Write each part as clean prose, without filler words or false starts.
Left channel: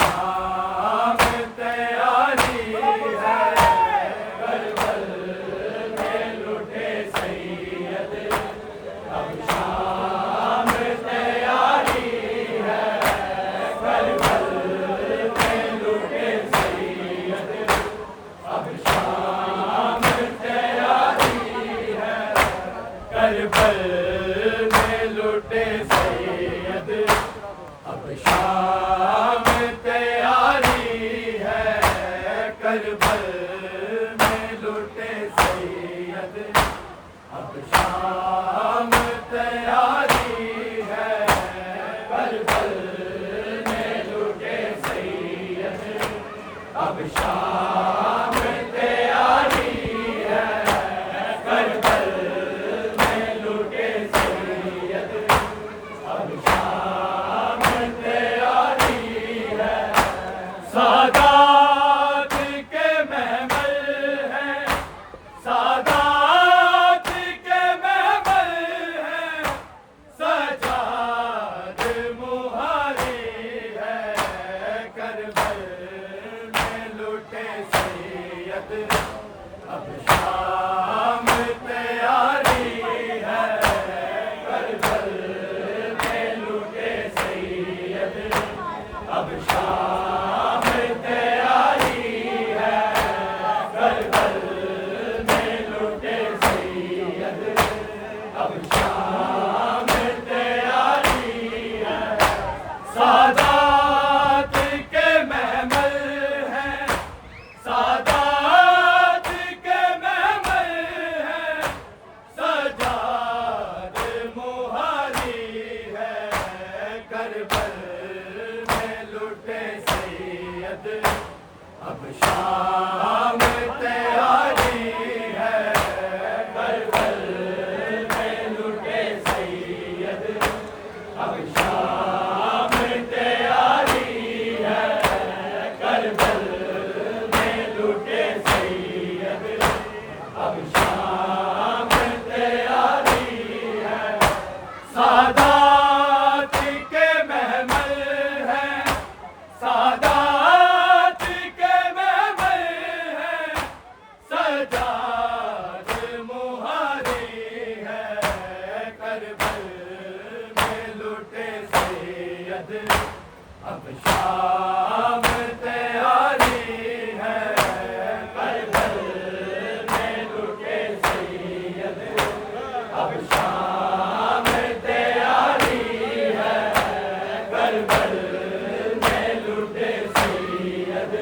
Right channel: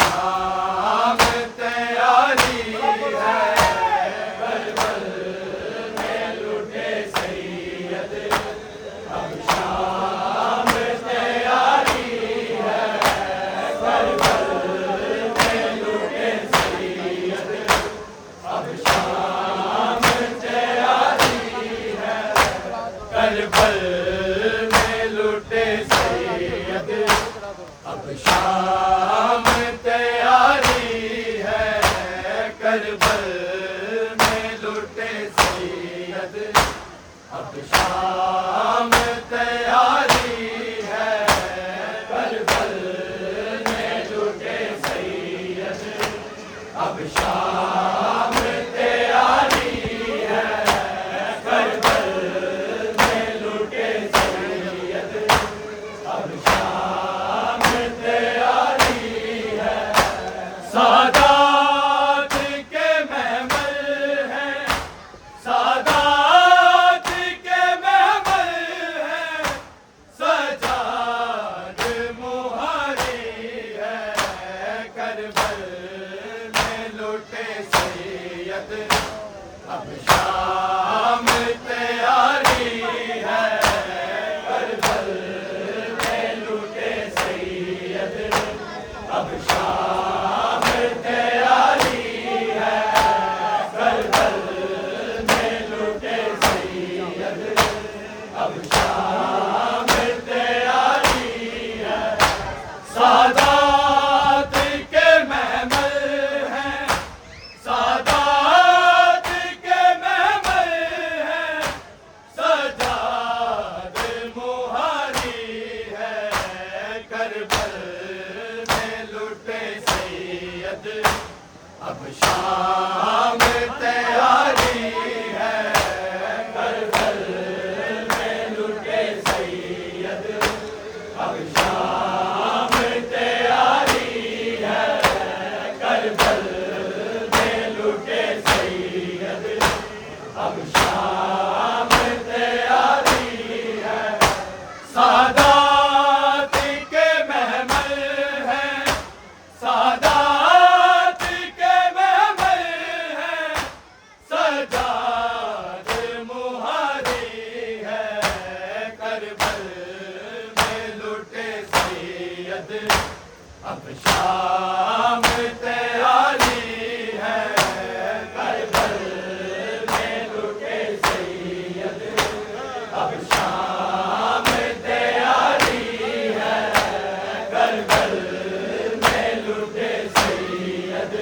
शाम तैयारी है, करबल में लुटे सैयद। अब शाम तैयारी है, करबल में लुटे सैयद। अब शाम तैयारी है, करबल में लुटे सैयद। अब शाम तैयारी है, करबल में लुटे सैयद। अब शाम तैयारी है, करबल में लुटे सैयद। अब शाम तैयारी है, करबल में लुटे सैयद। अब शाम तैयारी है, सादात के महमल हैं, सादात के महमल हैं, सजाद मुहारी है, करबल में लुटे सैयद। अब शाम तैयारी है, करबल में लुटे सैयद। अब शाम तैयारी है, करबल में लुटे सैयद। अब शाम तैयारी है, सादात के महमल हैं, सादात के महमल हैं, सजाद मुहारी है, करबल में लुटे सैयद। अब शाम तैयारी है, करबल में लुटे सैयद। अब शाम तैयारी है, करबल में लुटे सैयद। अब शाम तैयारी है, सादात के महमल हैं, सादात के महमल हैं, सजाद मुहारी है, करबल में लुटे सैयद। अब शाम तैयारी है, करबल में लुटे सैयद। अब शाम तैयारी है, करबल में लुटे सैयद।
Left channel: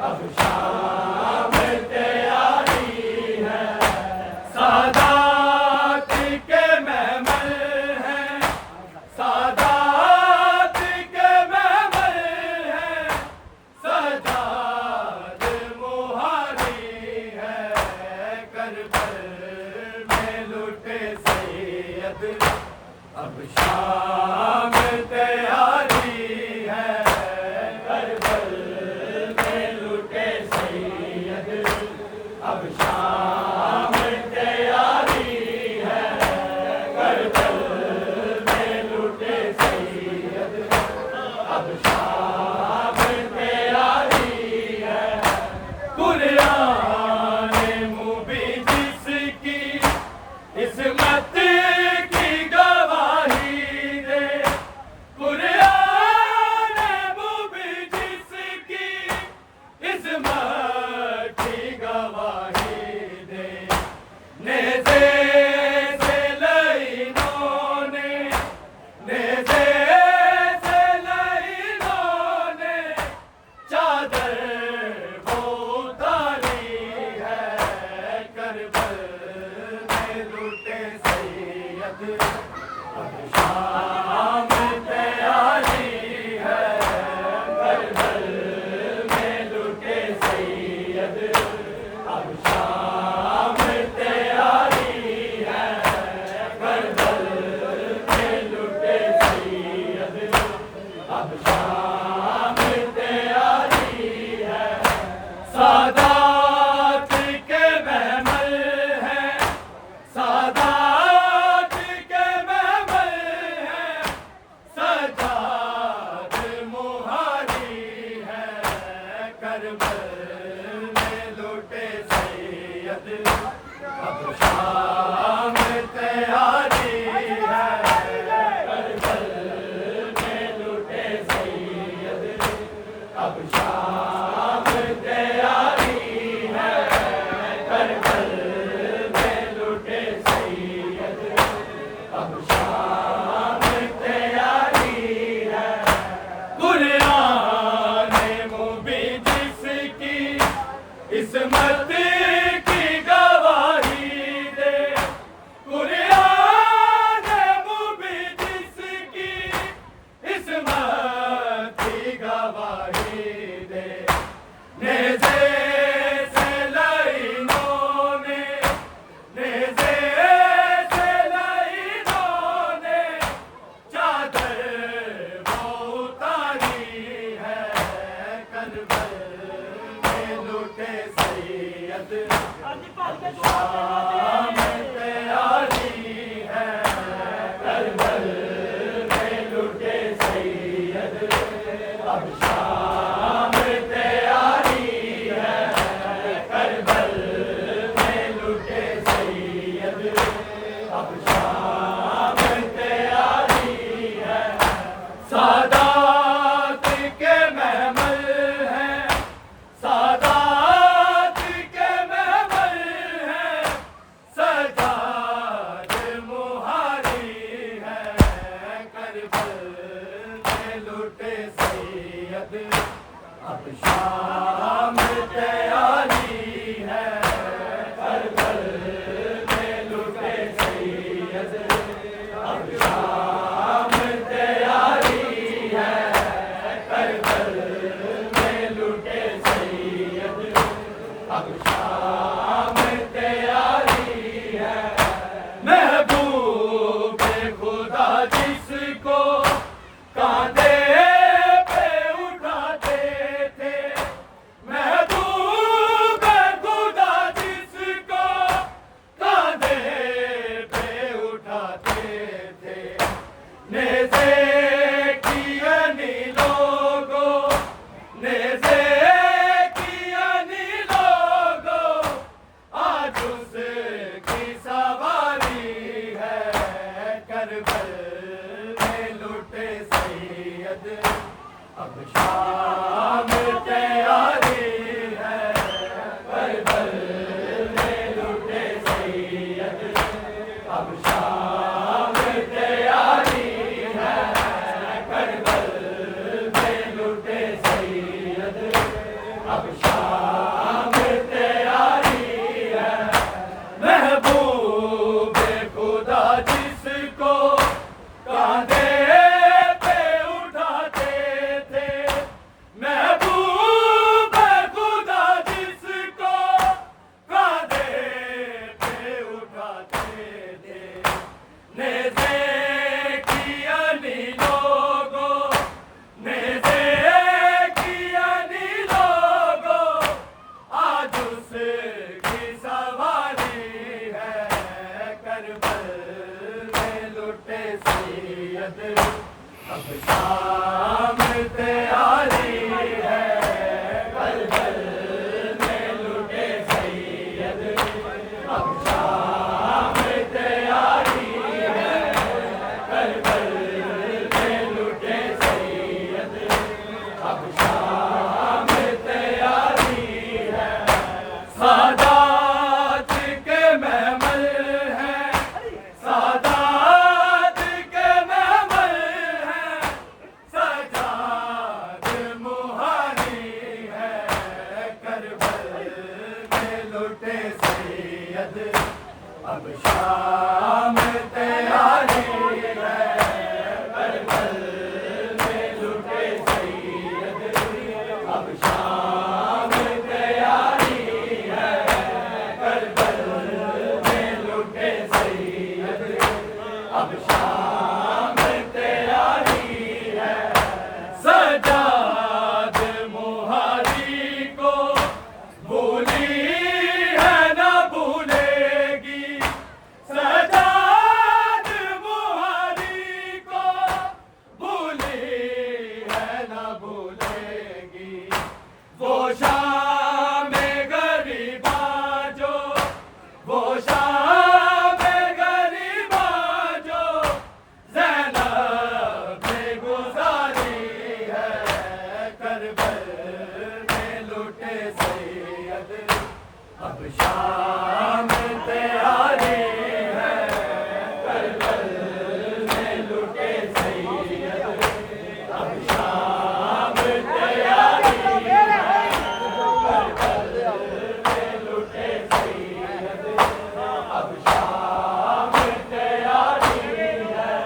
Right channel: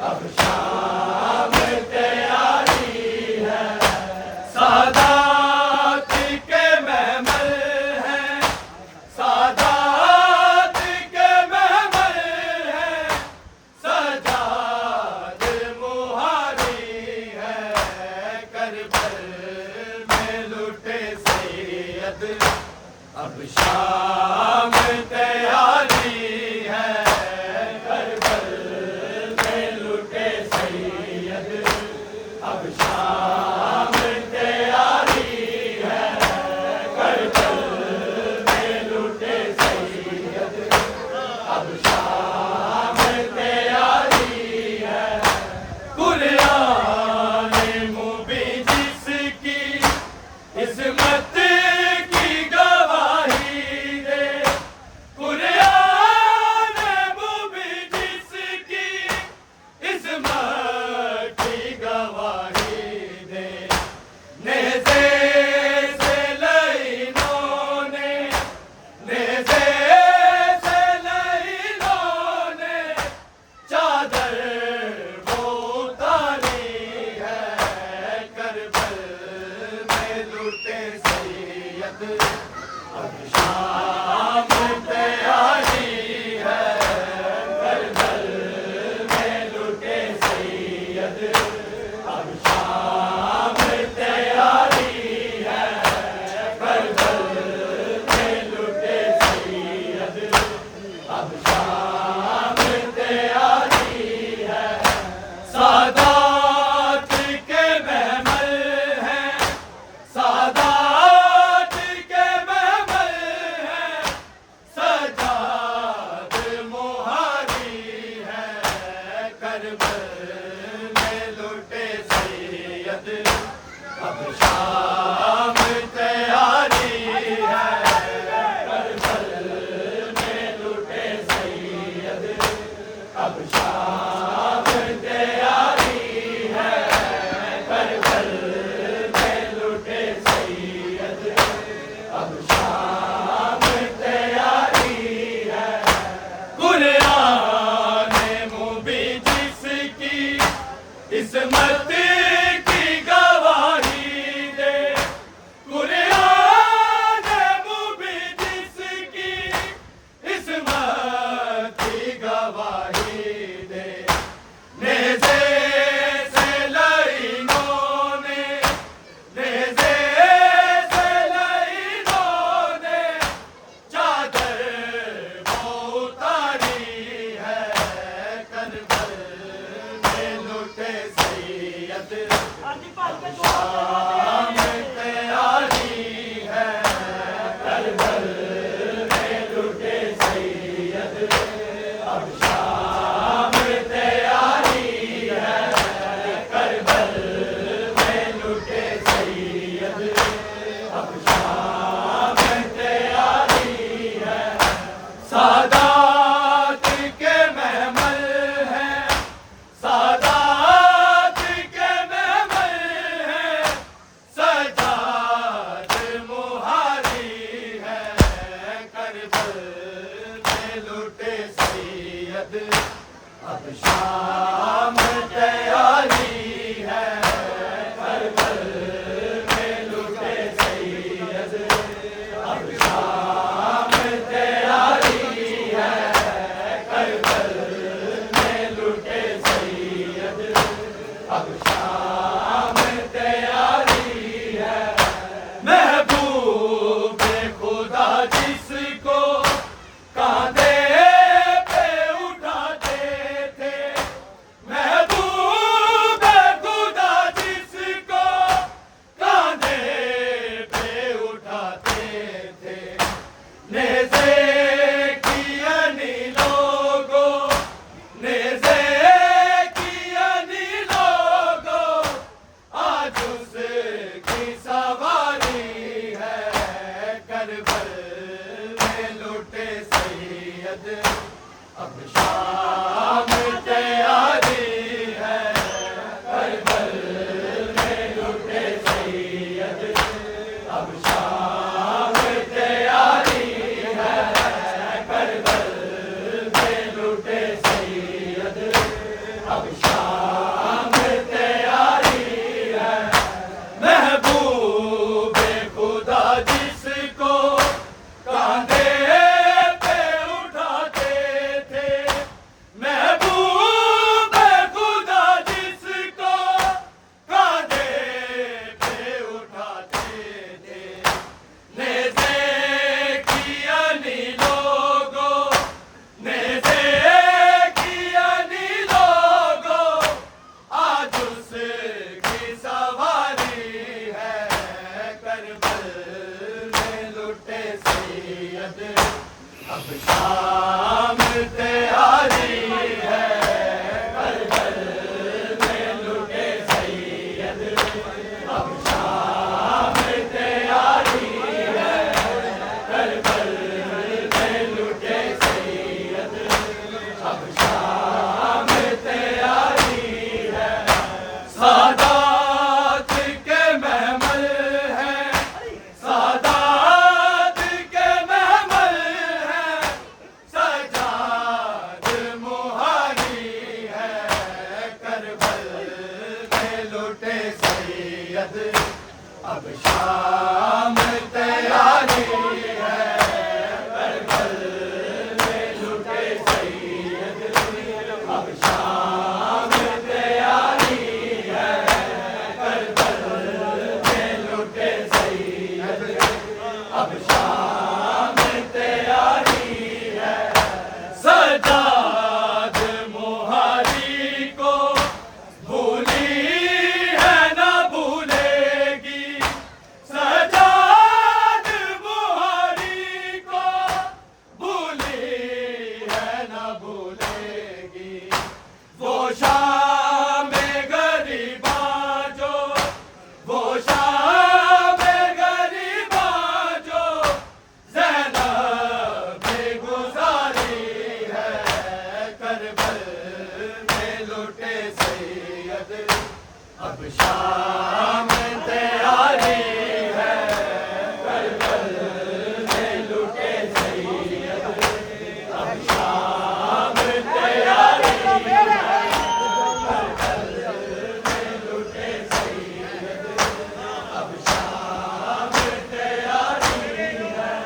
अब शाम तैयारी है, सादात के महमल हैं, सादात के महमल हैं, सजाद मुहारी है, करबल में लुटे सैयद। अब शाम तैयारी है, करबल में लुटे सैयद। अब शाम तैयारी है, करबल में लुटे सैयद। अब शाम तैयारी है, कुरान मुबीन जिसकी इस्मत की गवाही दे, करबल में लुटे सैयद, अब शाम तैयारी है। करबल में लुटे सैयद, अब शाम तैयारी है। करबल में लुटे सैयद, अब शाम तैयारी है। कुरान मुबीन जिसकी इस्मत की गवाही दे, कुरान मुबीन जिसकी इस्मत की गवाही दे। नेज़े से लाइनों ने, नेज़े से लाइनों ने चादर वो उतारी है। करबल में लुटे सैयद, शाम तैयारी है। करबल में लुटे सैयद, अब शाम तैयारी है। करबल में लुटे सैयद, अब शाम तैयारी है। सादात के महमल हैं, सादात के महमल हैं। सजाद मुहारी है। करबल में लुटे सैयद, अब शाम तैयारी है। करबल में लुटे सैयद, अब शाम तैयारी है। करबल में लुटे सैयद, अब शाम तैयारी है। महबूब खुदा जिसको कांधे पे उठाते थे, महबूब खुदा जिसको कांधे पे उठाते थे। नेज़े की अनी लोगों, नेज़े की अनी लोगों, आज उसकी सवारी है। करबल में लुटे सैयद, अब शाम तैयारी है। करबल में लुटे सैयद, अब शाम तैयारी है। करबल में लुटे सैयद, अब शाम तैयारी है। महबूब खुदा जिसको कांधे पे उठाते थे, महबूब खुदा जिसको कांधे पे उठाते थे। नेज़े की अनी लोगों, नेज़े की अनी लोगों, आज उसकी सवारी है। करबल में लुटे सैयद, अब शाम तैयारी है। करबल में लुटे सैयद, अब शाम तैयारी है। करबल में लुटे सैयद, अब शाम तैयारी है। सादात के महमल हैं, सादात के महमल हैं। सजाद मुहारी है। करबल में लुटे सैयद, अब शाम तैयारी है। करबल में लुटे सैयद, अब शाम तैयारी है। करबल में लुटे सैयद, अब शाम तैयारी है। सजाद मुहारी को भूली है ना भूलेगी। सजाद मुहारी को भूली है ना भूलेगी। अब शाम तैयारी है, करबल में लुटे सैयद। अब शाम तैयारी है, करबल में लुटे सैयद। अब शाम तैयारी है,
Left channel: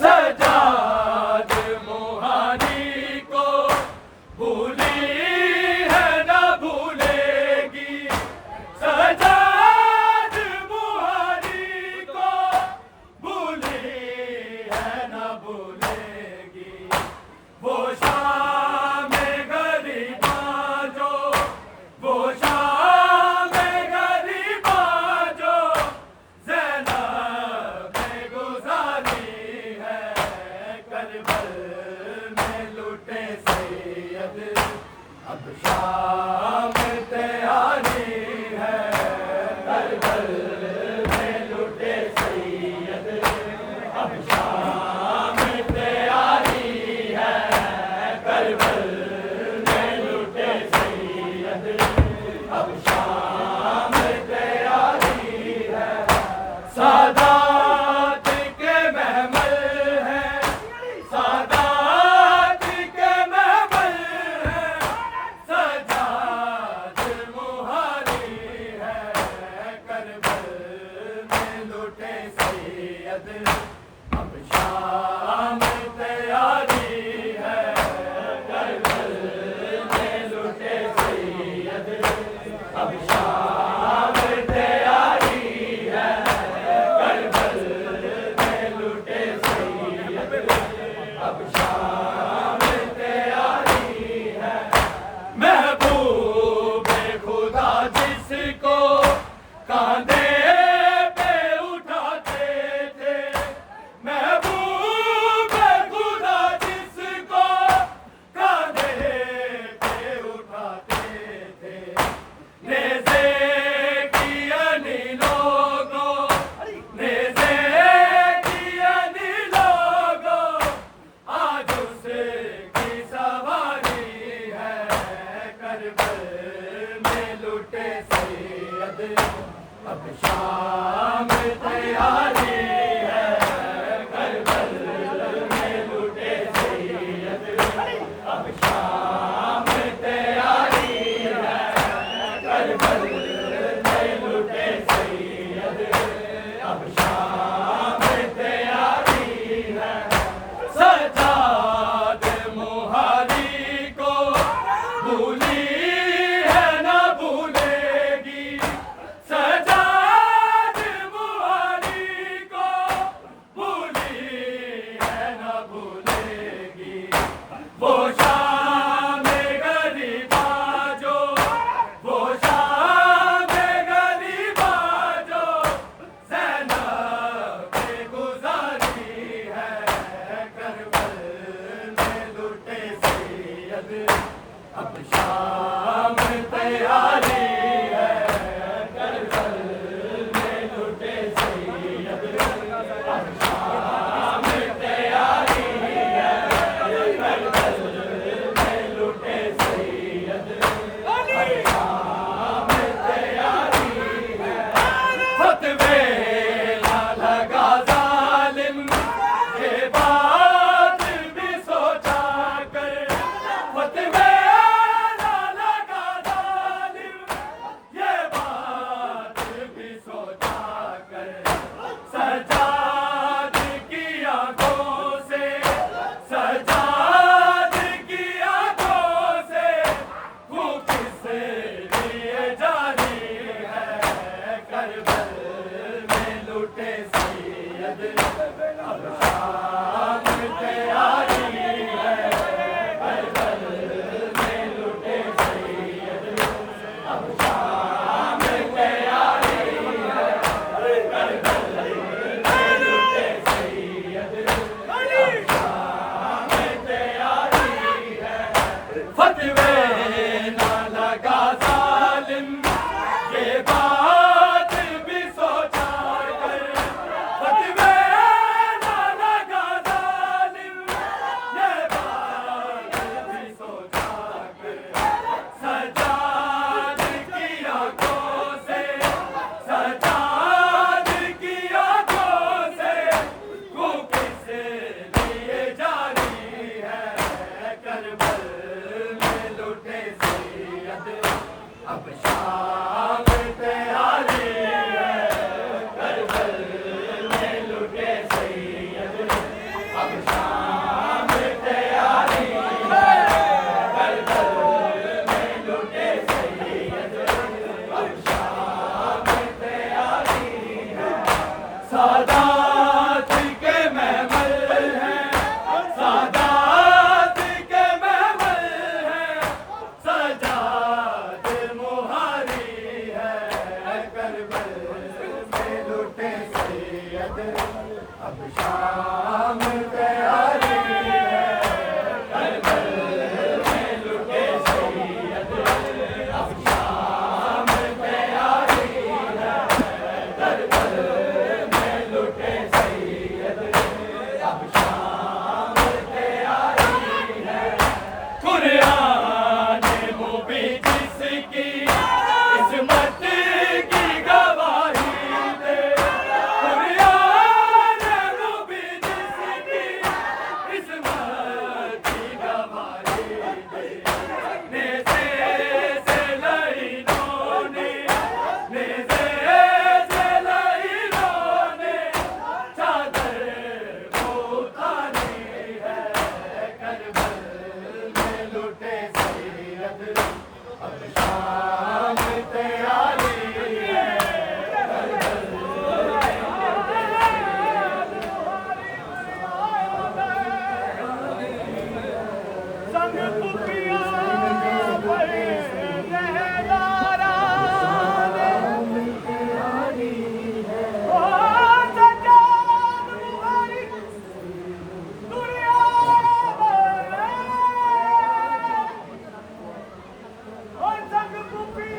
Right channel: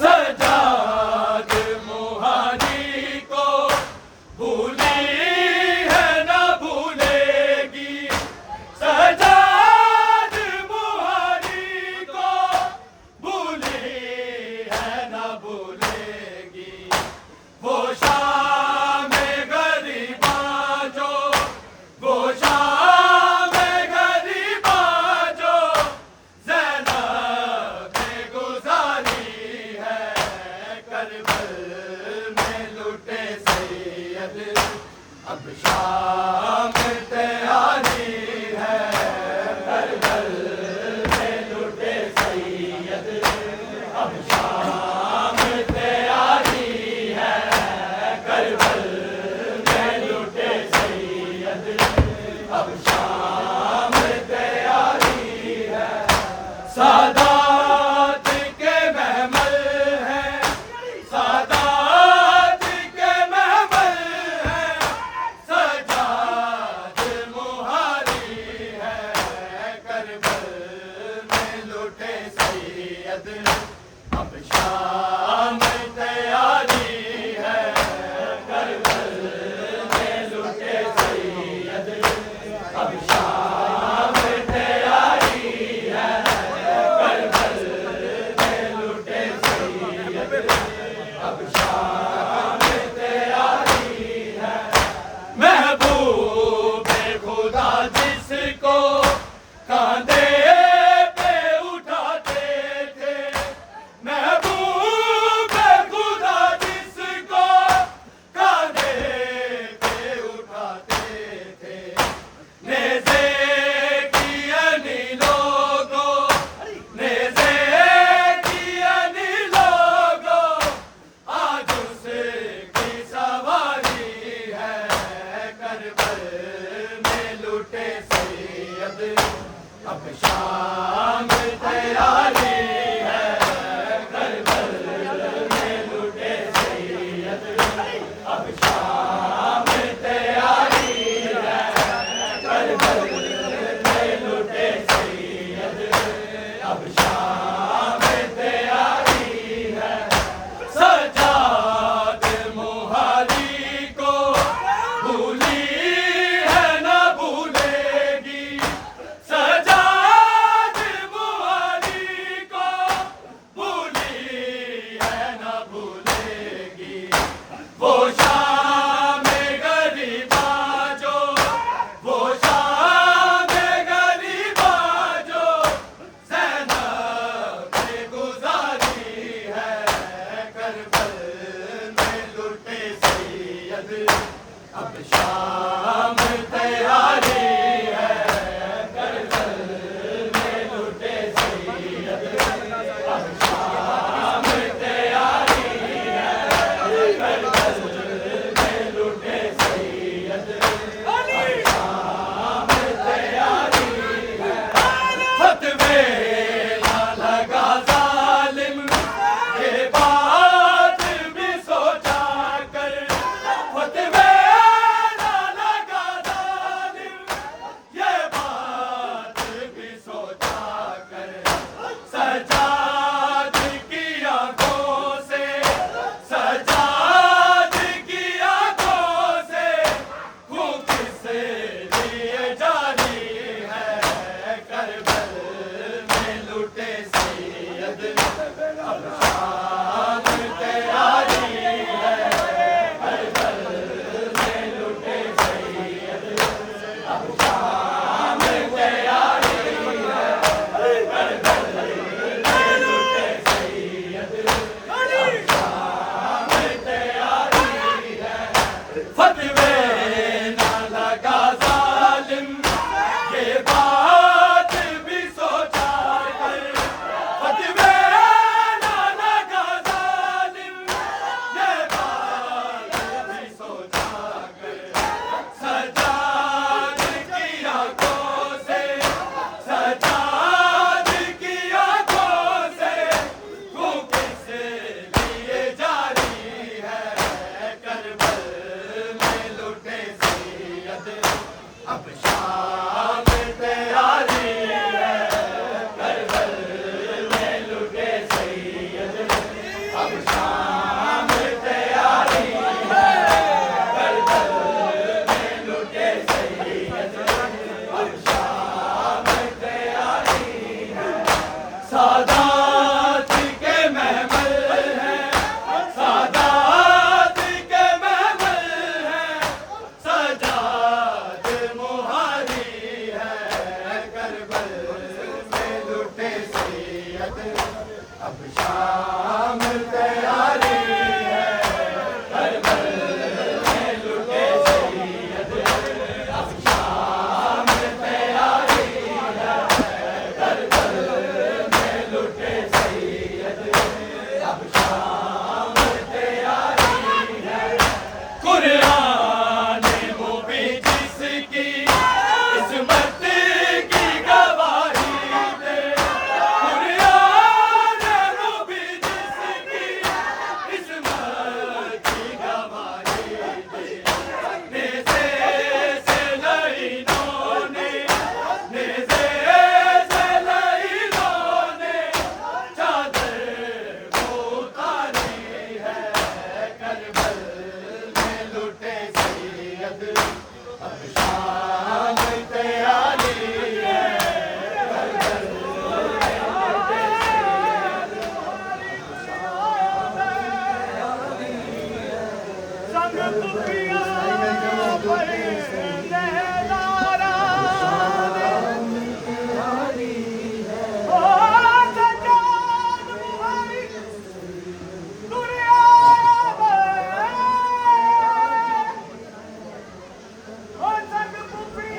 सजाद मोहानी को भूली है न भूलेगी। सजाद मोहानी को भूली है न भूलेगी। वो शाम गरीबा जो, वो शाम गरीबा जो ज़ैनब ने गुज़ारी है, करबल में लुटे सैयद। अब शाम तैयारी है, करबल में लुटे सैयद। अब शाम तैयारी है, करबल में लुटे सैयद। अब शाम तैयारी है, सादात के महमल हैं, सादात के महमल हैं। सजाद मोहारी है, करबल में लुटे सैयद। अब शाम तैयारी है, करबल में लुटे सैयद। अब शाम तैयारी है, करबल में लुटे सैयद। अब शाम तैयारी है, महबूब खुदा जिसको कांधे पे उठाते थे। महबूब खुदा जिसको कांधे पे उठाते थे। नेज़े की अनी लोगों, नेज़े की अनी लोगों, आज उसकी सवारी है, करबल में लुटे सैयद। अब शाम तैयारी है, करबल में लुटे सैयद। अब शाम तैयारी है, करबल में लुटे सैयद। अब शाम तैयारी है, सजाद मोहारी को भूली है न भूलेगी। सजाद मोहारी को भूली है न भूलेगी। वो शाम गरीबा जो, वो शाम गरीबा जो ज़ैनब ने गुज़ारी है, करबल में लुटे सैयद। अब शाम तैयारी है, करबल में लुटे सैयद। अब शाम तैयारी है, करबल में लुटे सैयद। अब शाम तैयारी है, फतवे ना लगा जालिम के बाद भी सोचा कर। फतवे ना लगा सैयद अब शाम तैयारी है करबल में लुटे सैयद अब शाम तैयारी है करबल में लुटे सैयद अब शाम तैयारी है सादात के महमल हैं सादात के महमल हैं सजाद मुहारी है करबल में लुटे सैयद अब शाम तैयारी है करबल में लुटे सैयद अब शाम तैयारी है करबल में लुटे सैयद अब शाम तैयारी है कुरान मुबीन जिसकी इस्मत की गवाही दे कुरान मुबीन जिसकी इस्मत की गवाही दे नेज़े से लईनों ने नेज़े से लईनों ने चादर को उतारी है करबल में लुटे सैयद अब शाम तैयारी है करबल में लुटे संग पुकिया पर लहरारा दे ओ सजाद मुहारी दुनिया में ओ संग पुकिया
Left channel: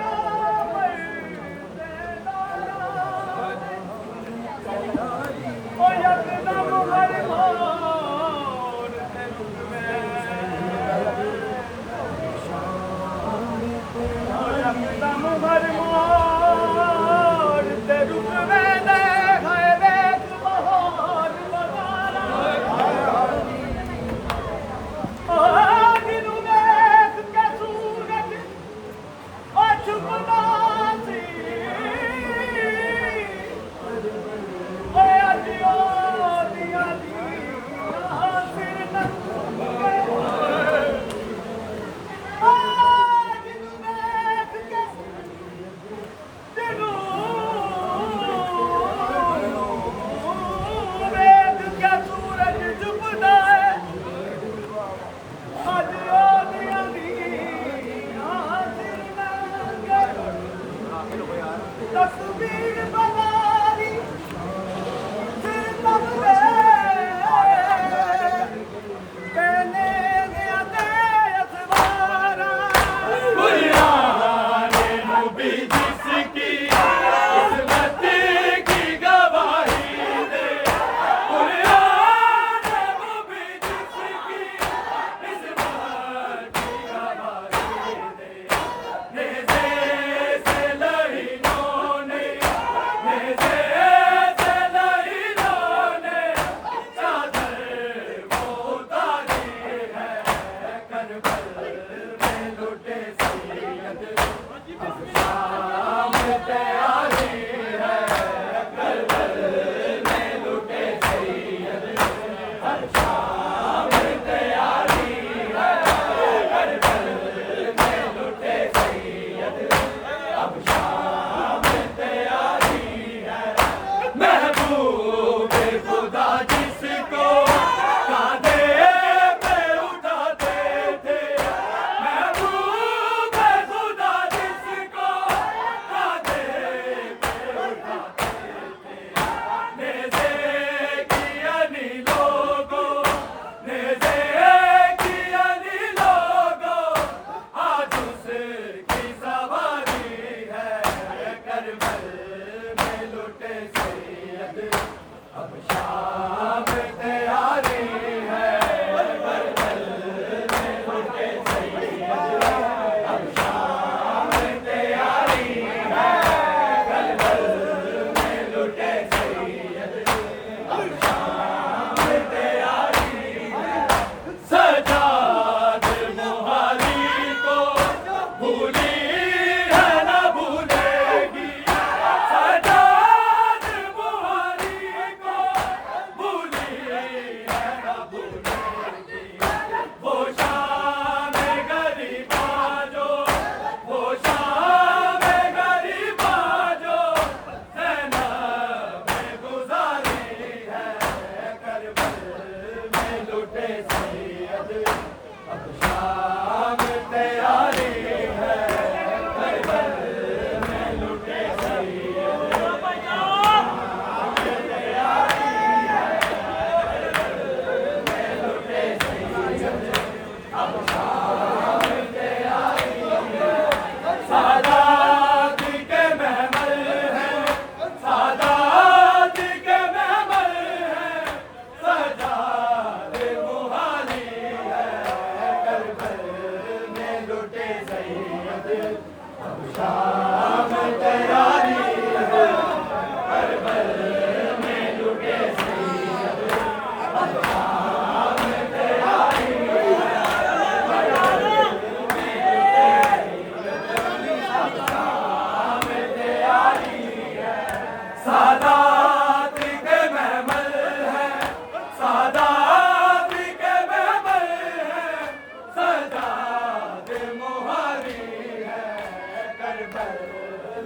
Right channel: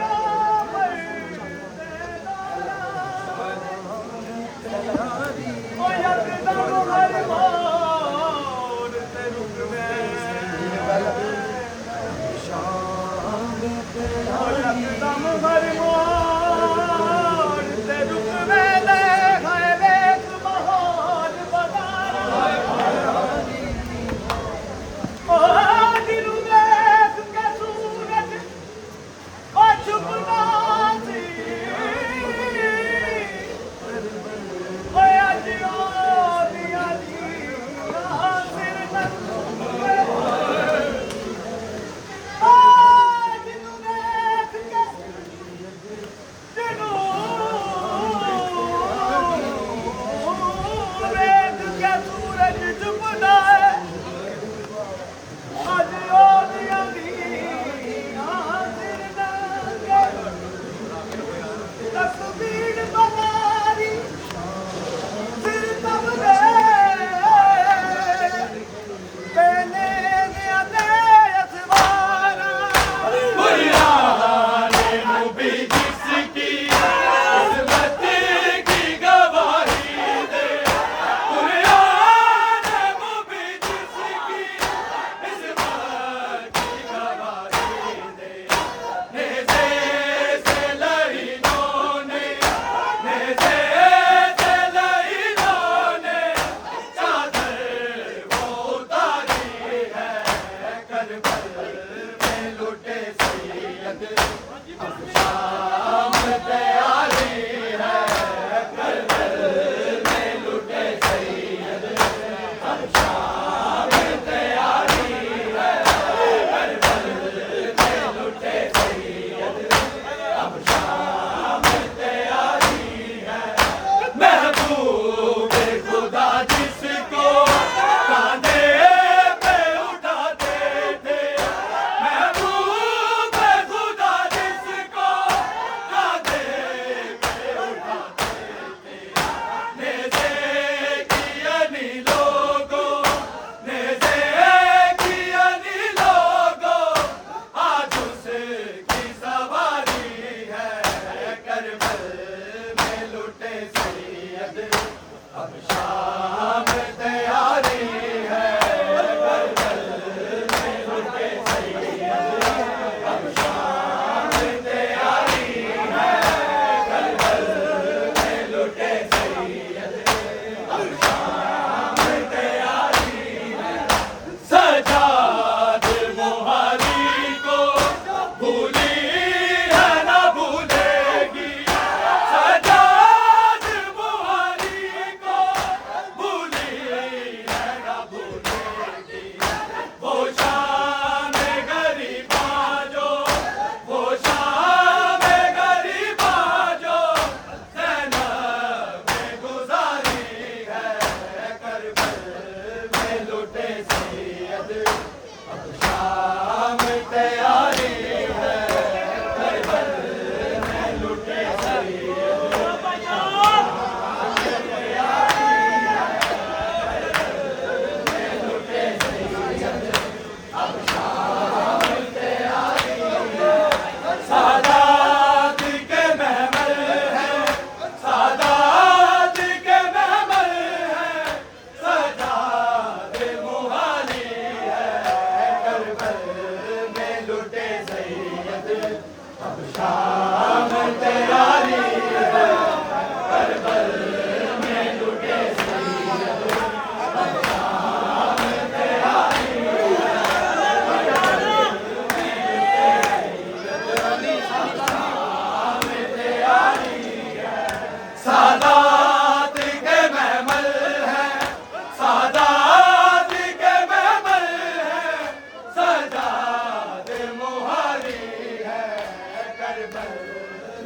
अब शाम तैयारी है करबल में लुटे सैयद अब शाम तैयारी है सादात के महमल है सादात के महमल है सजाद मुहारी है करबल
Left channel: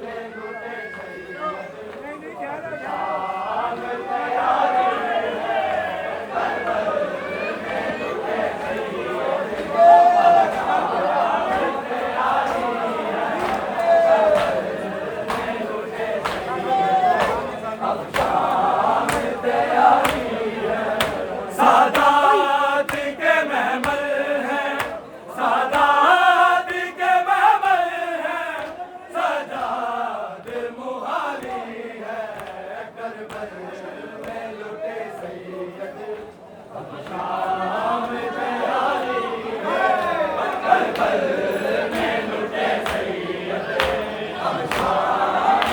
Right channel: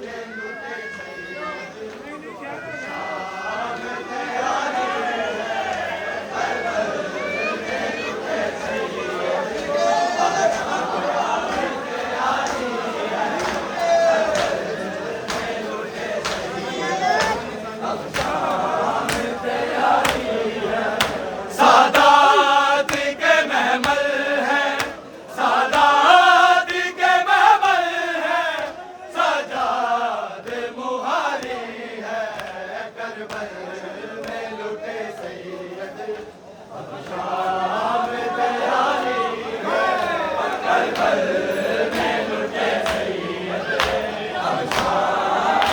में लुटे सैयद शाम तैयारी है करबल में लुटे सैयद सादात के महमल है सादात के महमल है सजाद मुहारी है करबल में लुटे सैयद अब शाम तैयारी है करबल में लुटे सैयद अब शाम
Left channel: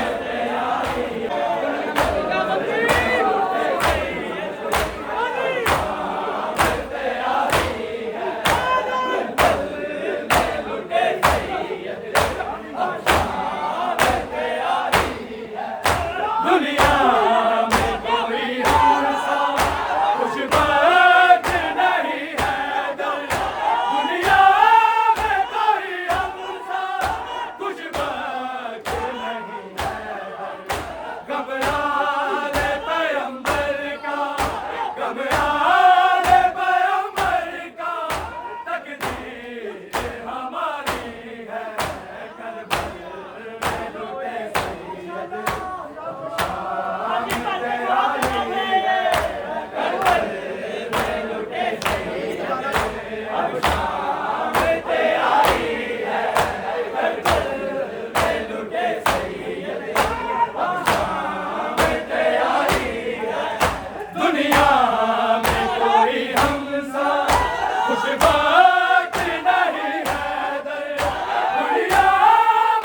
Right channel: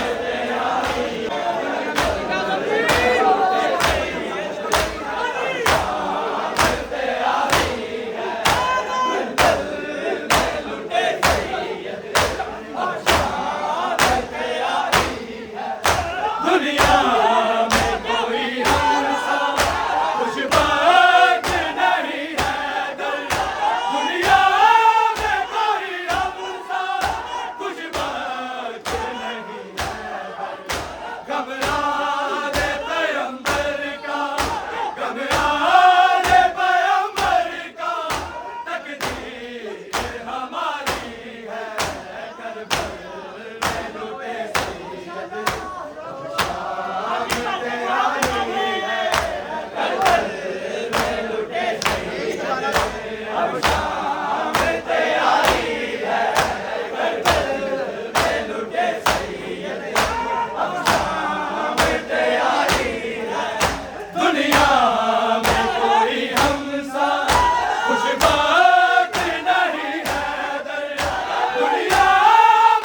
तैयारी दुनिया में कोई हमसा कुछ बात नहीं है दुनिया में कोई हमसा कुछ बात नहीं है घबरा दे पैगंबर का घबरा दे पैगंबर का तकदीर हमारी है करबल में लुटे सैयद अब शाम तैयारी है करबल में लुटे सैयद अब शाम तैयारी है करबल में लुटे सैयद अब शाम तैयारी है दुनिया में कोई हमसा कुछ बात नहीं है दुनिया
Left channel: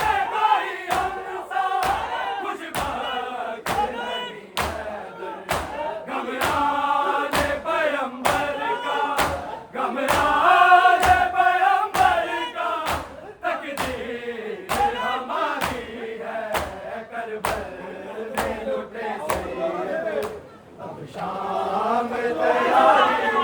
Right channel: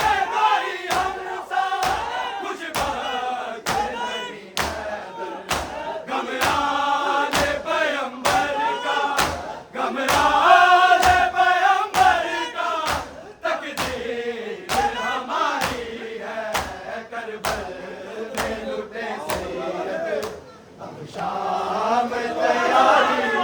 में कोई हमसा कुछ बात नहीं है घबरा दे पैगंबर का घबरा दे पैगंबर का तकदीर हमारी है करबल में लुटे सैयद अब शाम तैयारी